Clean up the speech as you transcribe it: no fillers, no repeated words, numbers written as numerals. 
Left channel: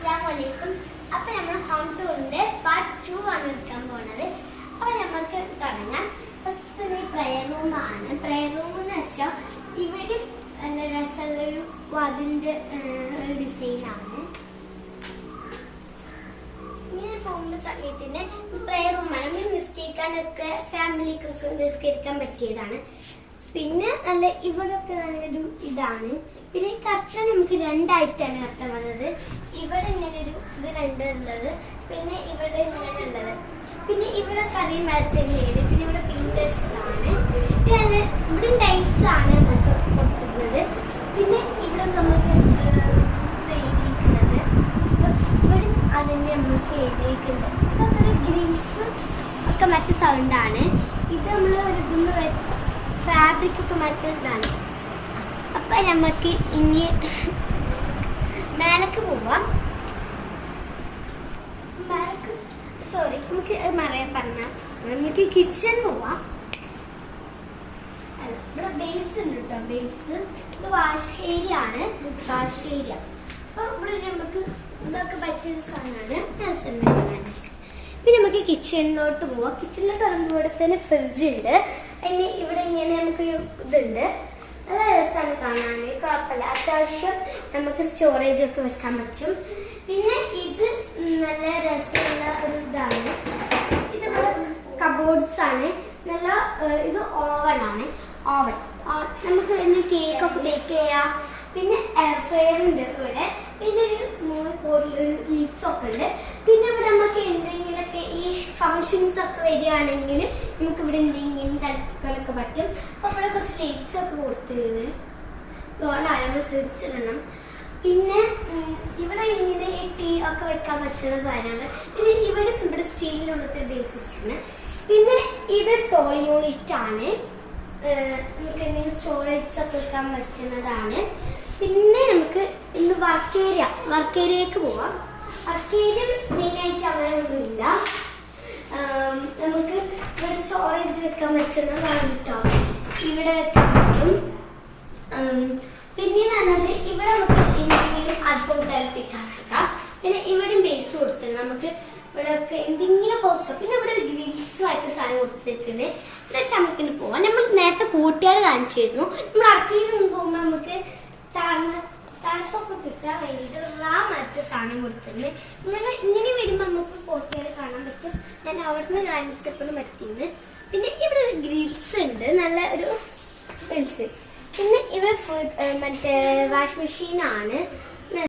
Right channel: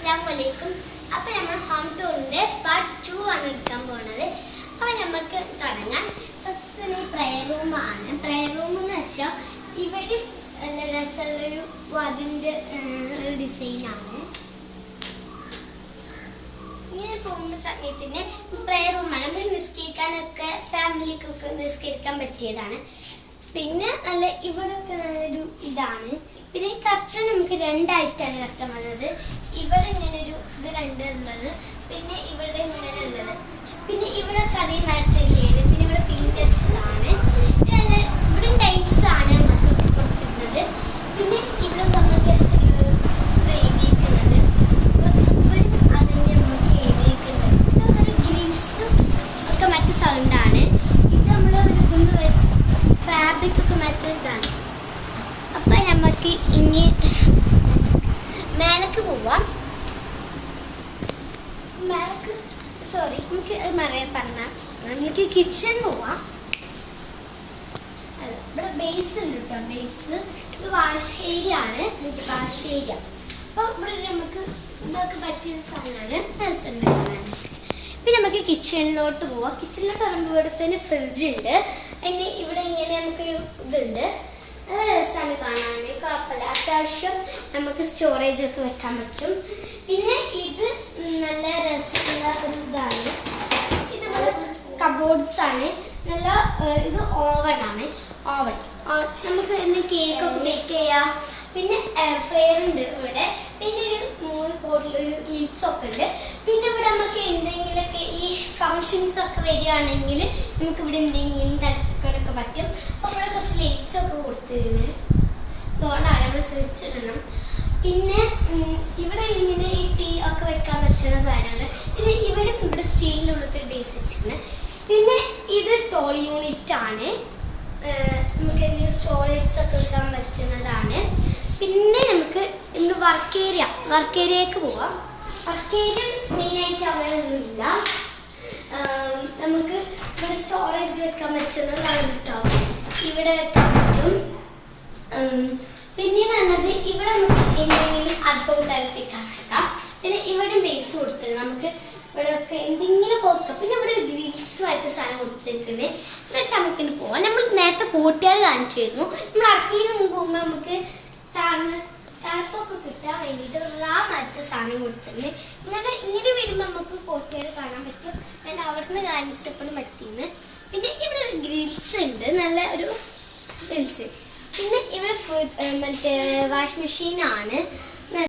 അസ്സലാമലൈക്കും. അപ്പോൾ നമ്മൾ ഹോം ടൂറിൻ്റെ പാർട്ട് 2 ആണ് എടുക്കാൻ പോകുന്നത്. അപ്പോൾ നമുക്ക് തുടങ്ങാം. ഫസ്റ്റ് പ്രയർ റൂമാണ്. പ്രയർ റൂം എന്ന് വെച്ചാൽ ഇവിടെ നല്ല രസമുള്ളൊരു അതിൻ്റെ ഒരു ഡിസൈനാണ്. ഇങ്ങനെ പോകുന്ന സമയത്തിന് പ്രയർ റൂമാണ്. നമ്മൾ നിസ്കരിക്കാനൊക്കെ ഫാമിലിക്കൊക്കെ നിസ്കരിക്കാൻ പറ്റിയതാണ്. പിന്നെ നല്ല ഇവിടെയൊക്കെ നല്ലൊരു ഇതാണ്. പിന്നെ ഈ കർട്ടൻ നമുക്ക് രണ്ടായിട്ടാണ് കർട്ടൻ വന്നത്. ഇവിടെ ഇങ്ങനൊരു ഇത് രണ്ടുള്ളത്, പിന്നെ ഇവിടെ ഇങ്ങനെ ഉള്ളത്, പിന്നെ ഇവിടെ കറി മരത്തന്നെയാണ്. പിന്നെ ഇവിടെ പിങ്കേഴ്സാണ്. പിന്നെ നല്ല ഇവിടെ ടൈൽസ് ആണ് നമുക്ക് കൊടുക്കുന്നത്. പിന്നെ ഇവിടെ നമുക്ക് എഴുതിയിട്ടുള്ളത് ഇവിടെ അതിന് നമുക്ക് എഴുതിയിട്ടുണ്ട്. ഇതൊക്കെ ഗ്രിൽസ് ഒക്കെ മറ്റു സൗണ്ടാണ്. ഇത് നമ്മൾ ഇതിന് ഫാബ്രിക് ഒക്കെ മറ്റേതാണ്. അപ്പം നമുക്ക് ഇനി മേലേക്ക് പോവാം. നമുക്ക് പറഞ്ഞാൽ നമുക്ക് കിച്ചൺ പോവാം. അല്ല, ഇവിടെ ബേസ് ഉണ്ട് കേട്ടോ. ബേസ് ഇത് വാഷ് ഏരിയ ആണ്. Wash area. അപ്പോൾ ഇവിടെ നമുക്ക് ഇതൊക്കെ പറ്റിയൊരു സാധനമാണ്. പിന്നെ നമുക്ക് കിച്ചണിലോട്ട് പോവാം. കിച്ചണിലോട്ട് പറയുമ്പോൾ ഇവിടെ തന്നെ ഫ്രിഡ്ജ് ഉണ്ട്. അതിന് ഇവിടെ ഇങ്ങനെ നമുക്ക് ഇതുണ്ട്. നല്ല രസമാണ് കാണാൻ. കുഴപ്പമില്ല. അത്യാവശ്യം നമുക്ക് സ്റ്റോറേജ് ഒക്കെ വെക്കാൻ പറ്റും. പിന്നെ ഇത് നല്ല രസമുള്ള ഒരു ഇതാണ്. ഇത് കബോർഡ്സ് ആണ്. നല്ല ഇത് ഓവനാണ്. ഓവൻ നമുക്ക് ഇന്ന് കേക്കൊക്കെ ബേക്ക് ചെയ്യാം. പിന്നെ എയർ ഫ്രയർ ഉണ്ട് ഇവിടെ. പിന്നെ ഒരു 3 ബോട്ടിലൊരു ഈവ്സ് ഒക്കെ ഉണ്ട്. പിന്നെ ഇവിടെ നമുക്ക് എന്തെങ്കിലുമൊക്കെ ഈ ഫങ്ഷൻസ് ഒക്കെ വരികയാണെങ്കിൽ നമുക്ക് ഇവിടെ എന്തെങ്കിലും തൽക്കാനൊക്കെ പറ്റും. അപ്പോൾ ഇവിടെ കുറച്ച് ലൈറ്റ്സ് ഒക്കെ കൊടുത്തിരുന്നു. അതുകൊണ്ടാണ് നമ്മൾ സ്വിച്ച് ഇടണം. പിന്നെ ഇവിടെ ഇങ്ങനെ ഈ ടീ ഒക്കെ വെക്കാൻ പറ്റുന്ന സാധനമാണ്. പിന്നെ ഇവിടെ സ്റ്റീലിൻ്റെ ഉള്ളത്തെ ബേസ് വെച്ചിരുന്നത്. പിന്നെ ഇത് ടോൾ യൂണിറ്റ് ആണ്. നമുക്ക് എന്തെങ്കിലും സ്റ്റോറേജ് ഒക്കെ വെക്കാൻ പറ്റുന്നതാണ്. പിന്നെ നമുക്ക് ഇന്ന് വർക്ക് ഏരിയക്ക് പോവാം. വർക്ക് ഏരിയ മെയിനായിട്ട് അങ്ങനെയൊന്നുമില്ല. നമുക്ക് ഇവിടെ സ്റ്റോറേജ് വെക്കാൻ പറ്റുന്നതാണ് കേട്ടോ. ഇവിടെ വെക്കാൻ പറ്റും. പിന്നെ പറഞ്ഞത് ഇവിടെ നമുക്ക് എന്തെങ്കിലും അടുപ്പം തലപ്പിക്കാൻ വെക്കാം. പിന്നെ ഇവിടെ ബേസ് കൊടുത്തത് നമുക്ക് ഇവിടെ ഒക്കെ എന്തെങ്കിലും കൊടുക്കാം. പിന്നെ ഇവിടെ ഗ്രിൽസ് ആയിട്ട് സാധനം കൊടുത്തിട്ടുണ്ട്. എന്നിട്ട് നമുക്കിന് പോവാം. നമ്മൾ നേരത്തെ കൂട്ടുകാർ കാണിച്ചിരുന്നു. നമ്മൾ അടുക്കളയിൽ നിന്ന് പോകുമ്പോൾ നമുക്ക് തണുപ്പൊക്കെ കിട്ടാൻ വേണ്ടിയിട്ട് ആ മറ്റു സാധനം കൊടുത്തിട്ടുണ്ട്. ഇങ്ങനെ വരുമ്പോൾ നമുക്ക് കൂട്ടുകാർ കാണാൻ പറ്റും. ഞാൻ അവിടെ നിന്ന് കാണിച്ചപ്പോഴും പറ്റിയെന്ന്. പിന്നെ ഇവിടെ ഗ്രിൽസ് ഉണ്ട്. നല്ല ഒരു ഗ്രിൽസ്. പിന്നെ ഇവിടെ മറ്റേ വാഷ് മെഷീനാണ്.